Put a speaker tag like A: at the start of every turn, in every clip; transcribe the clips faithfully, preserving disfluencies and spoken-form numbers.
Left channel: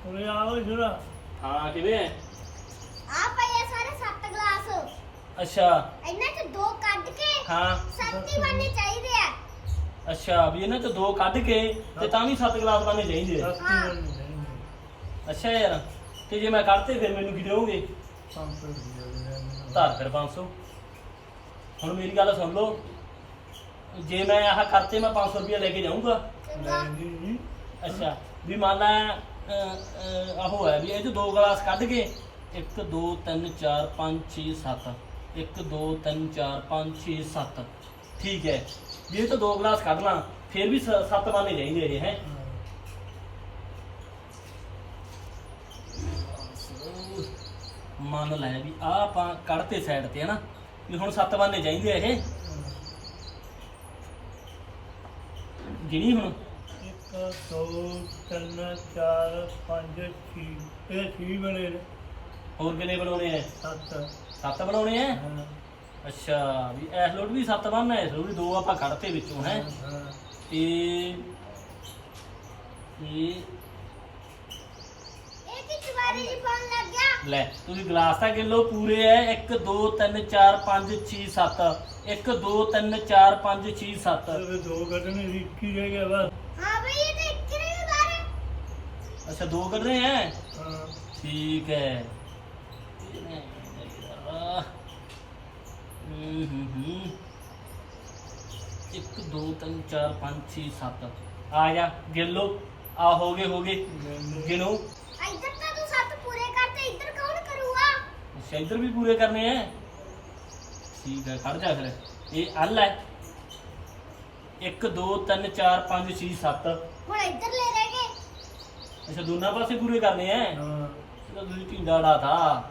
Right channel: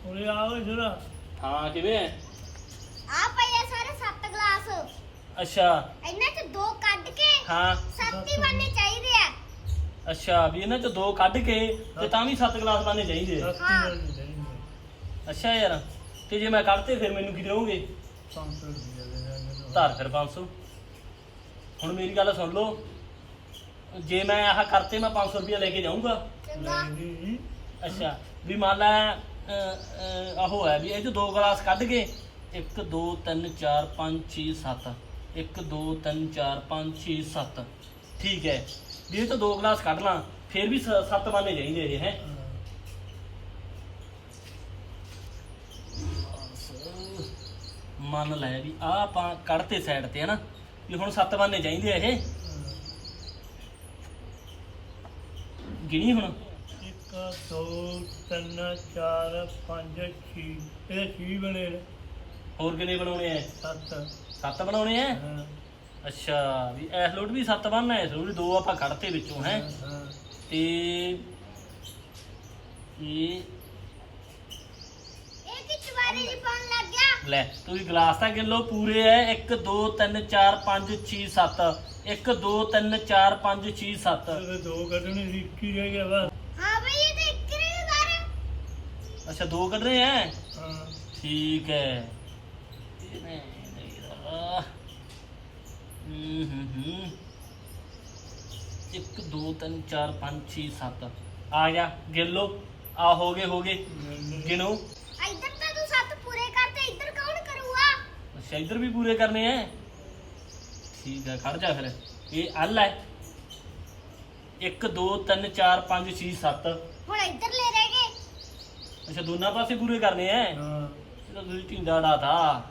A: ਉਰੇ ਆਓ ਜਰਾ।
B: ਹਾਂ ਕਿਵੇਂ ਹੈ?
C: ਆ ਪਏ ਆ ਸਾਰੇ ਸੱਤ ਗਲਾਸ।
B: ਅੱਛਾ
C: ਇਹਨਾਂ ਚ ਦੋ ਕੱਢ ਕੇ
B: ਹਾਂ
C: ਸੱਤ ਹੀ ਬਣਨੇ ਚਾਹੀਦੇ ਆ।
B: ਅੱਛਾ ਵੀ ਇਹਨਾਂ ਚ ਦੋ ਕੱਢ ਕੇ ਤੇ ਤਾਂ ਵੀ ਸੱਤ ਗਲਾਸ ਬਣਨੇ ਚਾਹੀਦੇ ਆ।
A: ਸਸਤੀ ਬਣਨੀ ਚਾਹੀਦੀ।
B: ਅੱਛਾ ਯਾਰ ਤੇ ਜੇ ਮੈਂ ਕੱਢਤੇ ਫਿਰ ਮੈਨੂੰ ਕੀ ਦੇਵੋਗੇ?
A: ਪੰਜ ਸੌ ਰੁਪਏ ਦੇ ਦੇ ਮੈਨੂੰ।
B: ਧਾਰ ਫਿਰ ਪੰਜ ਸੌ। ਹੁਣ ਮੇਰੀ ਗੱਲ ਸੁਣ ਲਓ, ਜੇ ਮੈਂ ਆਹ ਕਰਤੇ ਮੈਂ ਪੰਜ ਸੌ ਰੁਪਇਆ ਲੈ ਕੇ ਜਾਊਂਗਾ।
C: ਚੰਗਾ।
A: ਲੈ ਜੀ ਜੀ।
B: ਅੱਛਾ ਵੀ ਮੰਨ ਲਾ ਅਹ, ਅਹ, ਆਹੋ ਹੈ ਵੀ ਇਹ ਚ ਦੋ ਗਲਾਸ ਕੱਢ ਕੇ ਇੱਕ ਦੋ ਤਿੰਨ ਚਾਰ ਪੰਜ ਛੇ ਸੱਤ ਇੱਕ ਦੋ ਤਿੰਨ ਚਾਰ ਪੰਜ ਛੇ ਸੱਤ ਠੀਕ ਹੈ ਵੀ ਇਹ ਤੋਂ ਦੋ ਗਲਾਸ ਕੱਢ ਲਾਂ ਫਿਰ ਵੀ ਸ- ਸੱਤ ਬਣਨੇ ਚਾਹੀਦੇ ਇਹ ਹੈ।
A: ਹਾਂ।
B: ਮੰਨ ਲੈ ਵੀ ਆ ਆਪਾਂ ਕੱਢਤੇ ਸਾਈਡ ਤੇ ਹਨਾ ਵੀ ਹੁਣ ਸੱਤ ਬਣਨੇ ਚਾਹੀਦੇ ਆ ਇਹ। ਗਿਣੀ ਹੁਣ
A: ਇੱਕ ਦੋ ਤਿੰਨ ਚਾਰ ਪੰਜ ਛੇ ਇਹ ਛੇ ਬਣੇ ਨੇ।
B: ਹੋਰ ਕਿੰਨੇ ਬਣਾਉਣੇ ਆ?
A: ਸੱਤ।
B: ਸੱਤ ਬਣਾਉਣੇ ਆ।
A: ਹਾਂ
B: ਅੱਛਾ ਵੀ ਇਸ ਲੋਟ ਵੀ ਸੱਤ ਬਣਨਾ ਇਸ ਲੋਟ ਵੀ ਦੋ ਆਪਾਂ ਕੱਢਤੇ ਵਿੱਚੋਂ ਹੈ
A: ਹਾਂ।
B: ਤੇ ਇਹ
C: ਇਹ ਕੀ ਚਵਾਰੀ ਜੀ ਪਾਉਣ ਲੱਗ ਗਿਆ।
B: ਲੈ ਤੁਸੀਂ ਗਲਾਸ ਤਾਂ ਕਿਲੋ ਪੂਰੇ ਐ ਇੱਕ ਦੋ ਤਿੰਨ ਚਾਰ ਪੰਜ ਛੇ ਸੱਤ ਇੱਕ ਦੋ ਤਿੰਨ ਚਾਰ ਪੰਜ ਛੇ ਸੱਤ
A: ਇਹਦੇ ਦੋ ਕੱਢਣੇ ਸੀ, ਇੱਕ ਹੀ ਰਹਿ ਗਿਆ ਬਸ।
C: ਹਾਂ ਬਈ ਇਹ ਤਾਂ ਇੱਕ ਨਹੀਂ ਉਧਾਰ।
B: ਅੱਛਾ ਦੋ ਕੱਢਣੇ ਐ
A: ਹਾਂ
B: ਠੀਕ ਹੈ। ਇਹਨੇ ਯਾਰ ਹੂੰ ਹੂੰ ਹੂੰ ਇੱਕ ਦੋ ਤਿੰਨ ਚਾਰ ਪੰਜ ਛੇ ਸੱਤ ਆ ਗਿਆ ਗਿਣ ਲਓ। ਆ ਹੋ ਗਏ ਹੋ ਗਏ ਗਿਣੋ।
C: ਇੱਧਰ ਤਾਂ ਤੂੰ ਸੱਤ ਪੂਰੇ ਕਰਤੇ, ਇੱਧਰ ਕੌਣ ਕਰੂਗਾ?
B: ਅੱਛਾ ਇੱਧਰ ਵੀ ਪੂਰੇ ਕਰਨੇ ਐ ਠੀਕ ਹੈ। ਖੜ ਜਾ ਫਿਰ ਇਹ ਅਲ ਹੈ ਇੱਕ ਦੋ ਤਿੰਨ ਚਾਰ ਪੰਜ ਛੇ ਸੱਤ
C: ਹੁਣ ਇੱਧਰ ਲੈ ਰਹਿ ਗਏ।
B: ਅੱਛਾ ਦੋਨਾਂ ਪਾਸੇ ਪੂਰੇ ਕਰਨੇ ਐ।
A: ਹਾਂ।
B: ਇਹਦਾ ਤੁਸੀਂ ਢਿੰਡਾ ਢਾਤਾ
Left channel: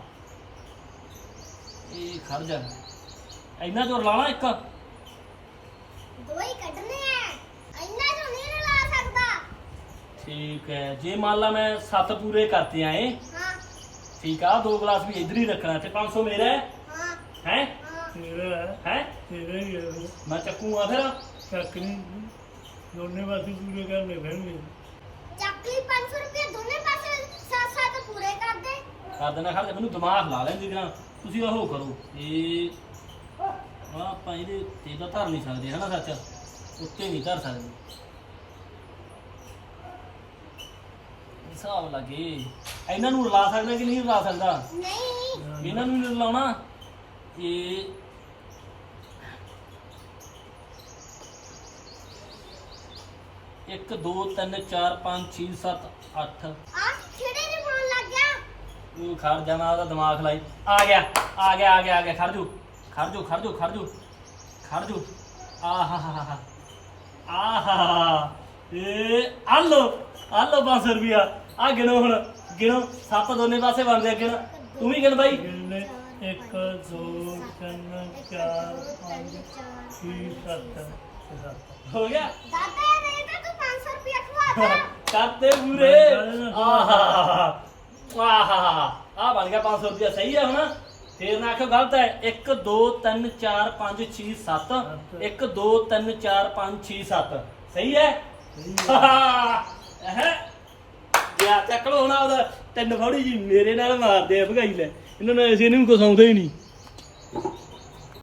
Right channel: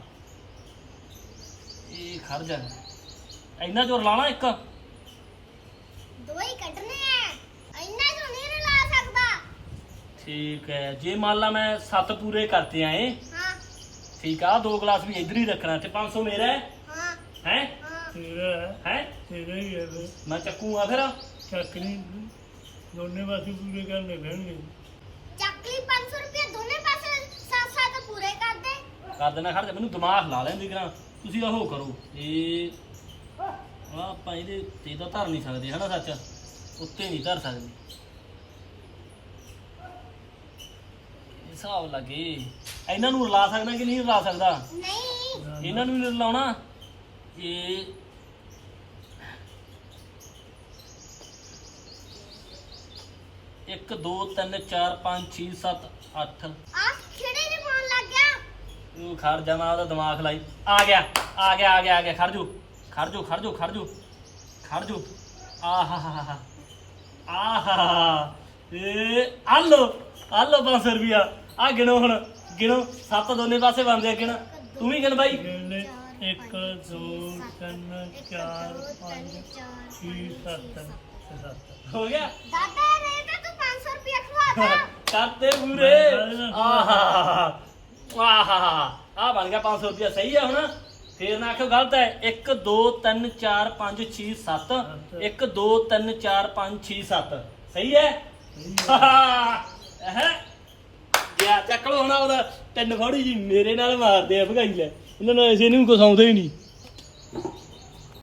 B: ਇਹ ਖੜ ਜਾ ਇੰਨਾ ਜ਼ੋਰ ਲਾਣਾ ਇੱਕ
C: ਦੋ ਹੀ ਕੱਢਣੇ ਆ, ਇੰਨਾ ਤੋਂ ਨਹੀਂ ਲਾ ਸਕਦਾ।
B: ਠੀਕ ਹੈ। ਜੇ ਮੰਨ ਲਾ ਮੈਂ ਸੱਤ ਪੂਰੇ ਕਰਤੇ ਆਏ
C: ਹਾਂ
B: ਠੀਕ ਆ ਦੋ ਗਲਾਸ ਵੀ ਇੱਧਰ ਹੀ ਰੱਖਣਾ ਤੇ ਪੰਜ ਸੌ ਮੇਰਾ ਹੈ
C: ਹਾਂ
B: ਹੈ
C: ਹਾਂ।
A: ਤੇਰਾ ਹੈ
B: ਹੈ
A: ਤੇਰਾ ਹੀ ਹੈ ਫਿਰ।
B: ਮੈਂ ਚੱਕੂਗਾ ਫਿਰ
A: ਚੱਕ ਨਹੀਂ ਦੋਨੇ ਪਾਸੇ ਪੂਰੇ ਕਰਨੇ ਪੈਣਗੇ।
C: ਚੱਕਲੀ ਪੰਜ ਸੌ ਰੁਪਏ ਦੋਨੇ ਪਾਸੇ ਸੱਤ ਸੱਤ ਪੂਰੇ ਕਰ ਦੇ।
B: ਕਰ ਦੇਣਾ। ਖੜ ਜਾ ਮੈਨੂੰ ਦਿਮਾਗ ਲਾ ਲੈਂਦੀ ਕਰਾਂ ਤੁਸੀਂ ਉਹ ਕਰੋ ਇਹ ਆ ਆਪਾਂ ਇਹਦੇ ਤੇ ਤਾਂ ਧਰ ਨਹੀਂ ਸਕਦੇ ਹਨਾ ਸੱਚ ਉੱਤੇ ਨਹੀਂ ਧਰ ਸਕਦੇ ਹਿਸਾਬ ਲੱਗੇ ਇਹਨਾਂ ਨੂੰ ਰਲਾ ਸਕਦਾ ਕਿ ਨਹੀਂ ਰਲਾ ਸਕਦਾ?
C: ਨਹੀਂ
B: ਇਹਨਾਂ ਨੂੰ ਨਹੀਂ ਰਲਾਉਣਾ ਇਹ ਇੱਕ ਦੋ ਤਿੰਨ ਚਾਰ ਪੰਜ ਛੇ ਸੱਤ ਅੱਠ
C: ਆ ਕਿਹੜੇ ਨੇ ਪਾਉਣ ਲੱਗ ਗਿਆ।
B: ਨੂੰ ਖੜ ਜਾ ਮੈਂ ਉਹਦਾ ਦਿਮਾਗ ਲਾਈ ਆ ਗਿਆ ਆ ਗਿਆ ਆ ਗਿਆ ਆ ਗਿਆ ਖੜ ਜੋ ਖੜ ਜੋ ਖੜ ਜੋ ਖੜ ਜੋ ਖੜ ਜੋ ਆਹਾ ਹਾ ਹਾ ਆਹਾ ਇਹ ਆ ਲੋ ਆ ਲੋ ਪੰਜ ਸੌ ਰੁਪਿਆ ਆ ਗਿਣੋ ਹੁਣ ਗਿਣੋ ਸੱਤ ਦੋਨੇ ਪਾਸੇ ਬਣਦੇ ਆ ਗਿਣ ਤੂੰ ਵੀ ਗਿਣ ਬਾਈ
A: ਗਿਣਨੇ ਇੱਕ ਦੋ ਤਿੰਨ ਚਾਰ ਪੰਜ ਛੇ ਸੱਤ ਤੇ ਸੱਤ।
B: ਹੋ ਗਿਆ
C: ਦਾਦਾ ਨਹੀਂ ਤਾਂ ਤੂੰ ਪੰਜ ਸੌ ਰੁਪਏ ਖਵਾਤਾ।
B: ਕਰਤੇ ਪੂਰੇ ਆਹਾ ਆਹਾ ਆ ਬਣ ਗਿਆ ਪੰਜ ਸੌ ਰੁਪਿਆ ਸਹੀ ਹੈ ਹੁਣ ਫੇਰ ਨਾ ਆਖੋ ਗਲਤ ਹੈ ਇੱਕ ਦੋ ਤਿੰਨ ਚਾਰ ਪੰਜ ਛੇ ਸੱਤ ਇੱਕ ਦੋ ਤਿੰਨ ਚਾਰ ਪੰਜ ਛੇ ਸੱਤ ਸਹੀ ਹੈ ਹੈ ਯਾ ਚੱਕ ਲੋ ਹੁਣ ਉਹਦਾ ਤਿੰਨ ਫੌੜੀ ਜੀ ਮੇਰੇ ਨਾਲ ਮਾਰਦੇ ਆ ਭਗਾਈ ਲੈ ਇਹਨਾਂ ਨੇ ਅਸੀਂ ਇਹਨੂੰ ਕੁਛ ਆਉਂਦਾ ਹੀ ਨਹੀਂ